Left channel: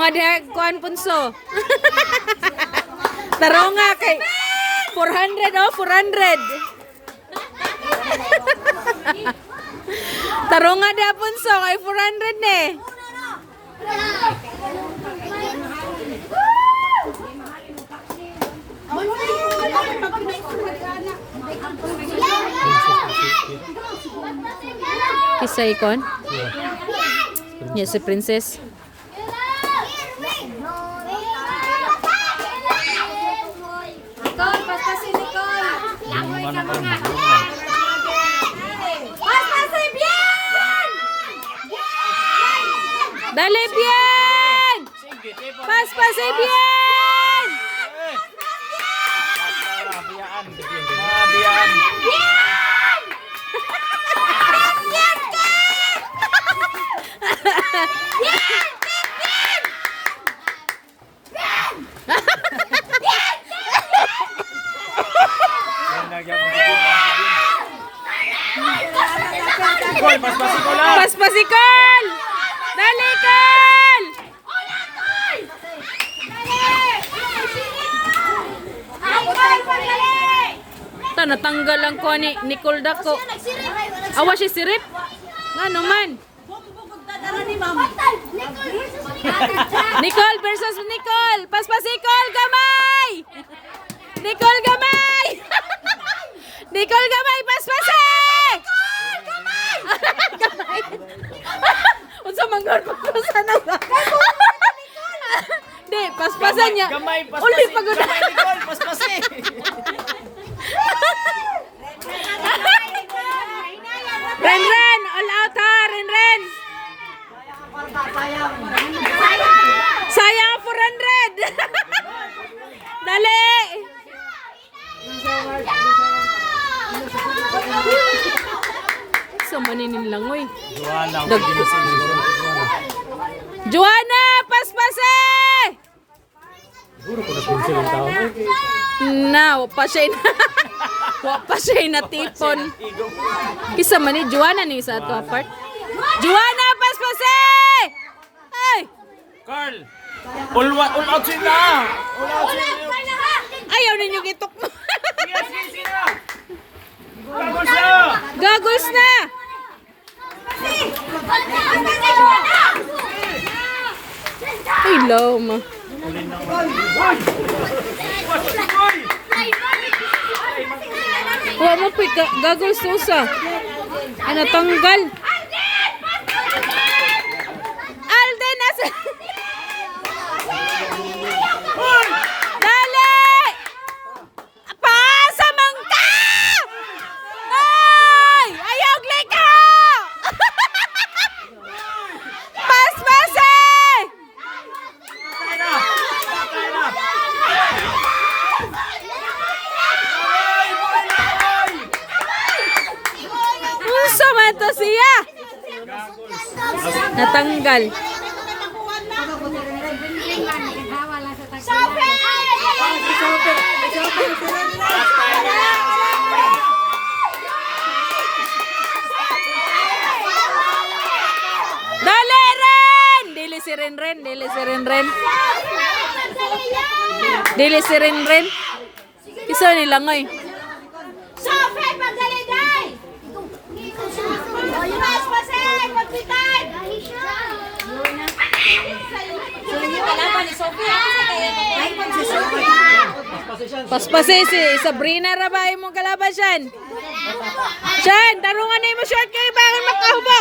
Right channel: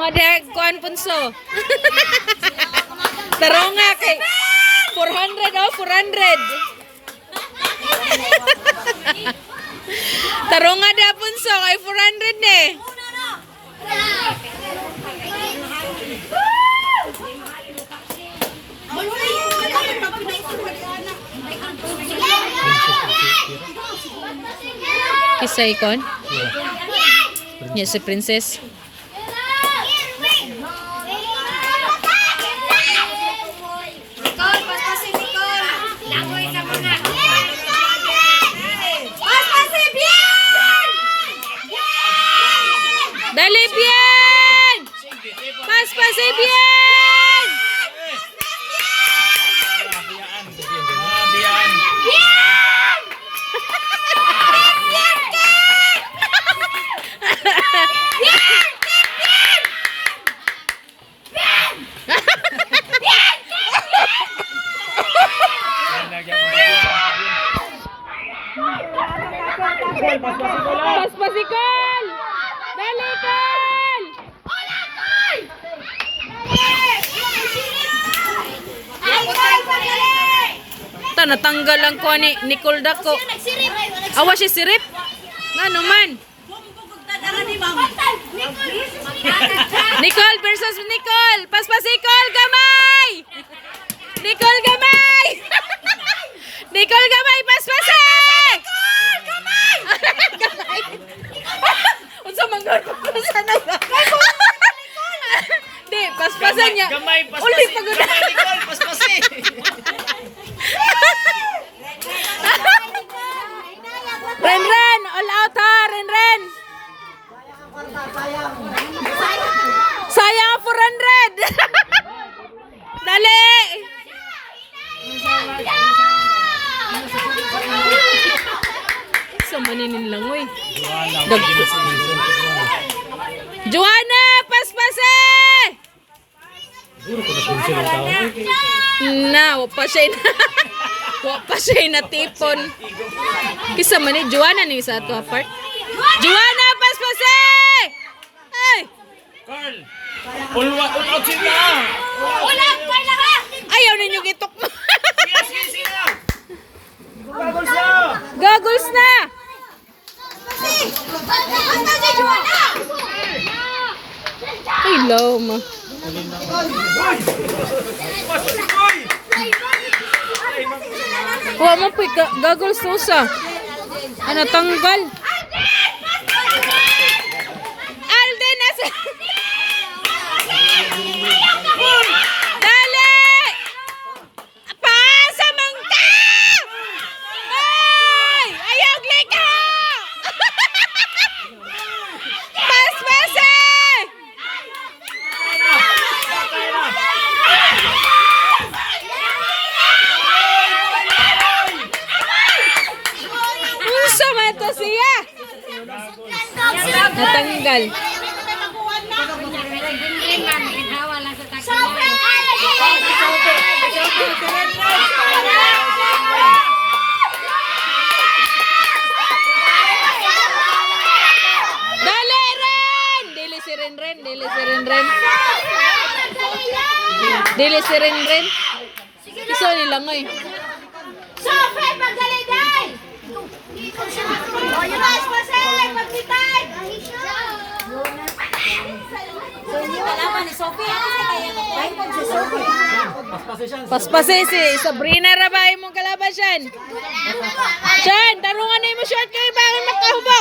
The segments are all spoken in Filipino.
nga dahil kuhan punso. Taro nga kay 400 oh, 400. Taro nga dahil punso kay 400 eh. Isa ikon? Yes, si Princess. Dali, bien! Pas-pasi, bien! Pas-pasikal! Dali, Kal! Ito, natanggal lang ko ni Nicole Dako. Awa siya sirip? Nga naman. Nicole versus Nicole. Pas-pasikal, gamay! Nicole, gamay! Nicole, gamay, pas-pasik! Gamay! Unsa manggar ko sa naga. Di, paspasan niya. Uli pagod. Nicole, paspasin. Ren, all out ha, Ren. Sayang 400. Dali. Sa maninin lang, oy. Joanna, paspase! Na, wapa siya na tipon. Kisa man ni Joanna ni sa ato apart. Joanna, paspase! Ay! Carl, ulot sila. Ayaw ninyo gitok mo. Goggles na! Ay, low ma. Huwag mo po goggles to sa. Ano, tanggal. Alden, nasa... Dali! Pasa mangka! Ay! Ayaw glika! Pas-pasa! Sama to siya. Natanggal. Dali, Ren! Dili si Ren. Dili si Ren. Kiso nila ngoy. Paspase si Sabrina ra ba imong kalaban Shan? Shan, tarungan na mo short kay bakit makahubo?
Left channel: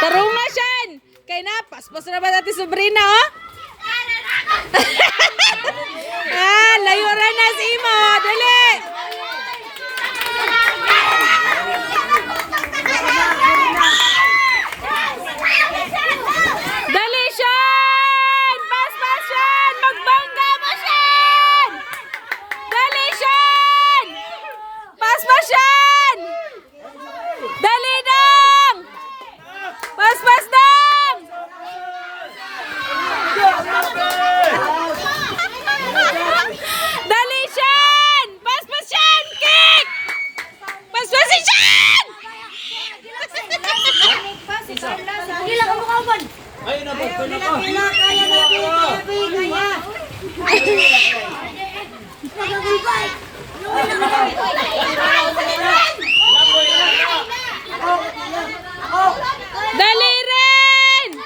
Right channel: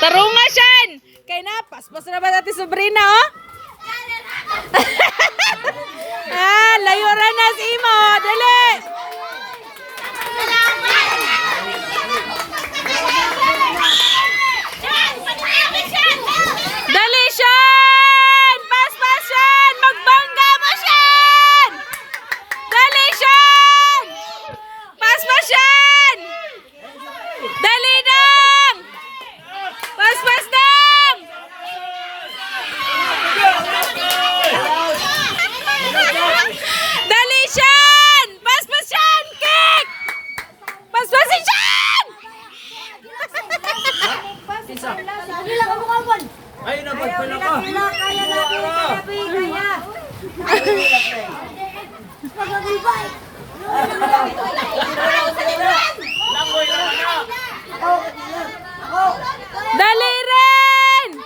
Tarungan Shan. Kay na paspas na ba dati Sabrina oh? Layo ra na si Imo, dali. Dali, Shan! Pas-pas, Shan! Magbangga mo, Shan! Dali, Shan! Pas-pas, Shan! Dali, dong! Pas-pas, dong! Dali, Shan! Pas-pas, Dali rin!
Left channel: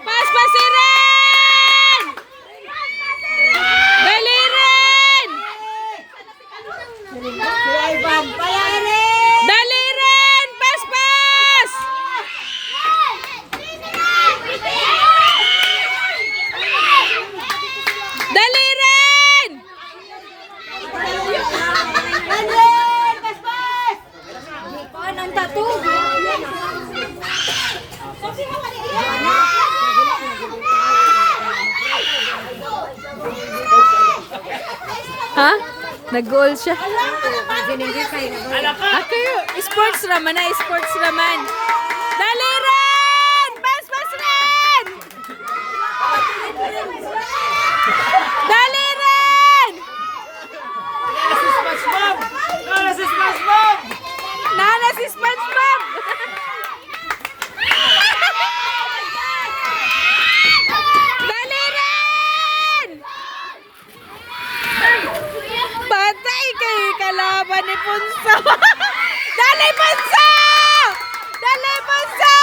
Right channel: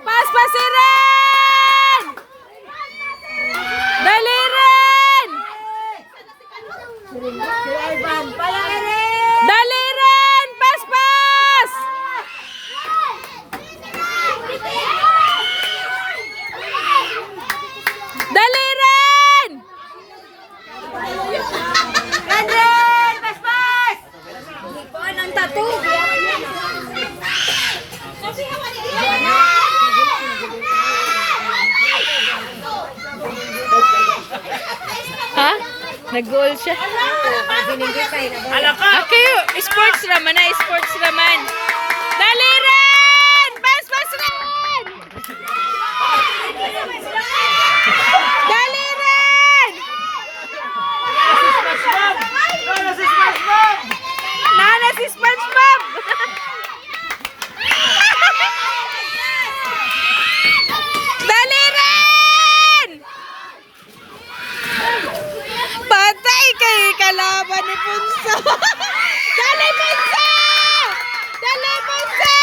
Paspasin rin! Dali rin! Dali rin! Paspas! Dali rin! Ha? Nag-goal siya. Kayo, sports raman na, sports raman. Dali rin! Pas rin! Dali rin! Nana si SpongeBob! Dali rin! Patay kay kalaban ni Punso! Dali Punso! Dali Punso!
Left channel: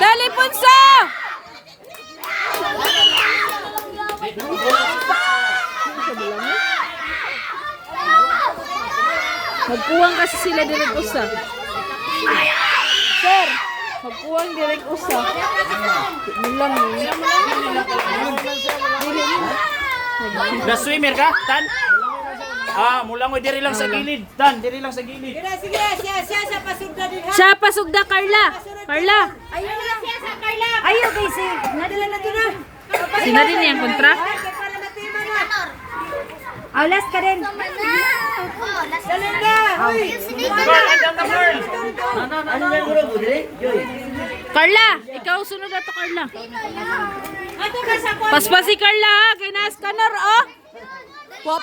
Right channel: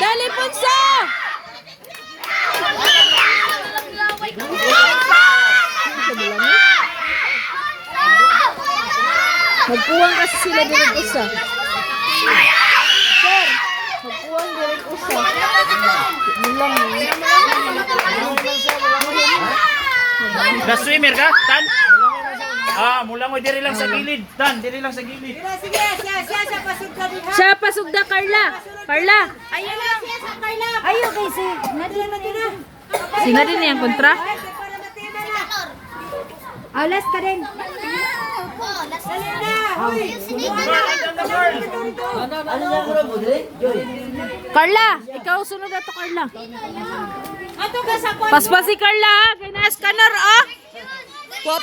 Dali Punso! Magkuwang kasi sila direk usa. Sir, magkuwang direk usa. Mulang ni. The swimmer ka? Tan? Mula mo diri lang sa gilid. Tan, diri lang sa gilid. Siya pasugda Carla. Carla. Ayaw kay si. Nadala na dito. Sino din yang kontra? Aulas ka rin. Carla, ikaw sunod ato Carla. Paspasi Carla ha, kay na scanner oh.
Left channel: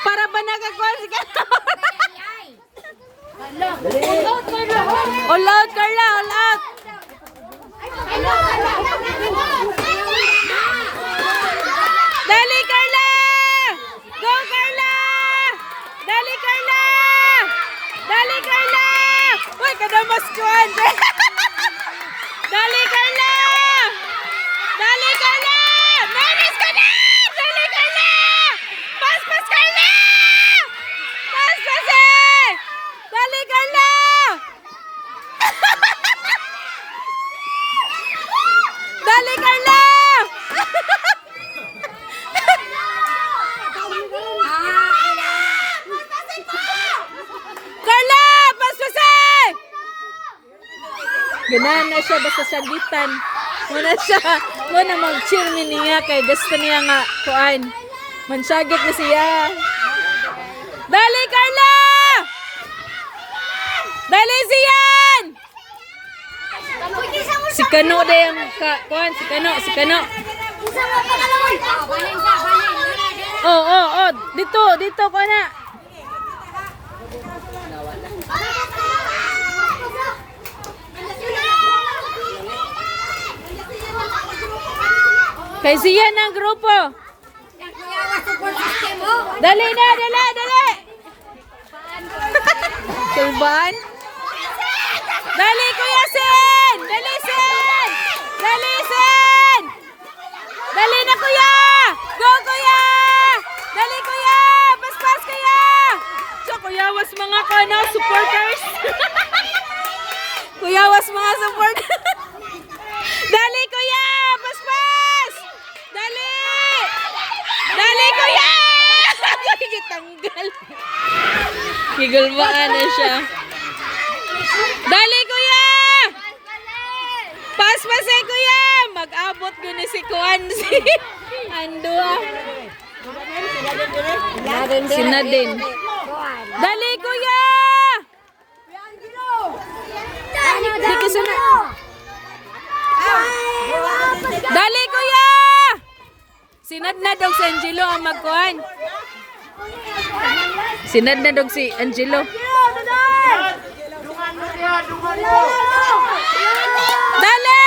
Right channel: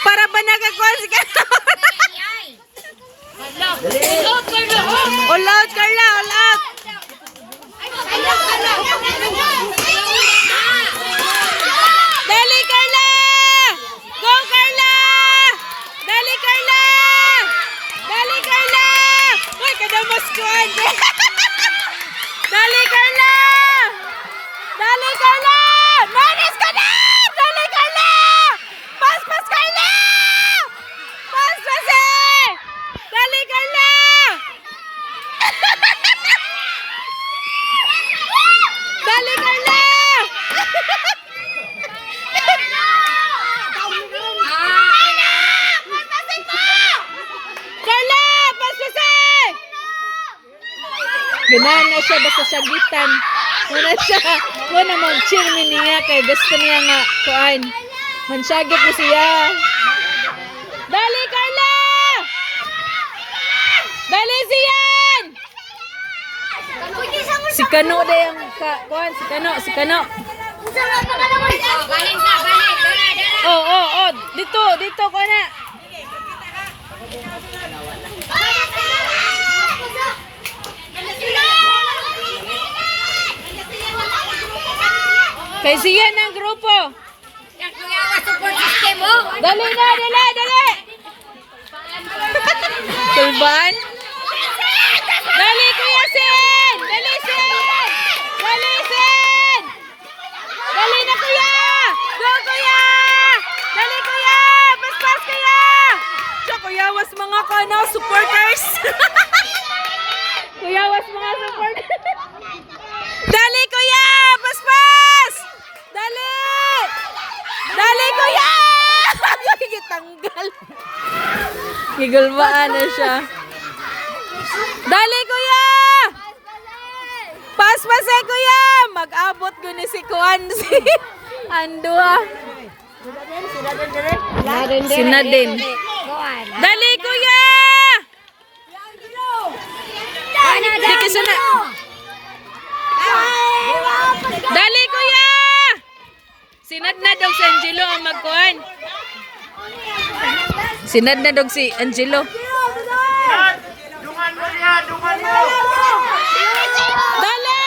Para ba nagkakuha si Carla? All out Carla, all out. Dali Carla! Go Carla! Dali Carla! Dali Carla! Uy, kadamos ko ande. Dali Carla! Dali Carla! Manis ka na! Dali Carla! Paspas Carla! Paspas eh! Dali Carla! Dali Carla! Carla! Paspasin! Ganahan na siya basta sagitan. Muna mag-chill niya kay gusto niya nga kuan. Mansagit na siya. Dali Carla! Dali siyan! Si Kano na yung kuan, si Kano. Oh, dito ko na. Kay siya ng grupo. Dali na, dali. Tulban. Dali Kuya Sen. Dali Sen. Dali na Kuya. Go Kuya. Dali Kuya. Paspas Kuya. Siya Kuya was mga supporters. Kuya was mga supporters. Dali Kuya. Paspas. Dali Kuya. Gitanggal. Gigulbaan na siya. Dali Kuya. Paspas eh Kuya. Mag-abot ko ni si Kuan si Andua. Sinadin. Dali Kuya. Di kasi na. Dali Kuya. Sinad na dog si Angelo ang magkuhan. Sinad na dog si Angelo. Dali!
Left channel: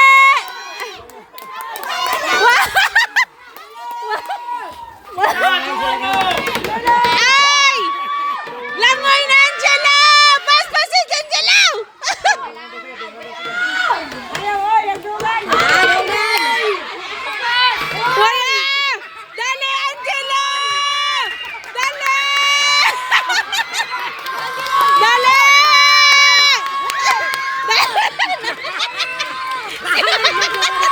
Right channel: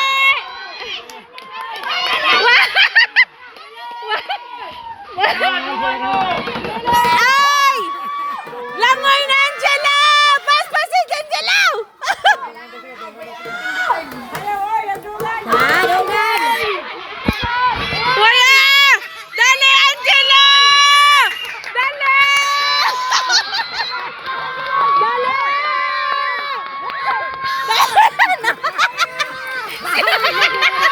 Ay,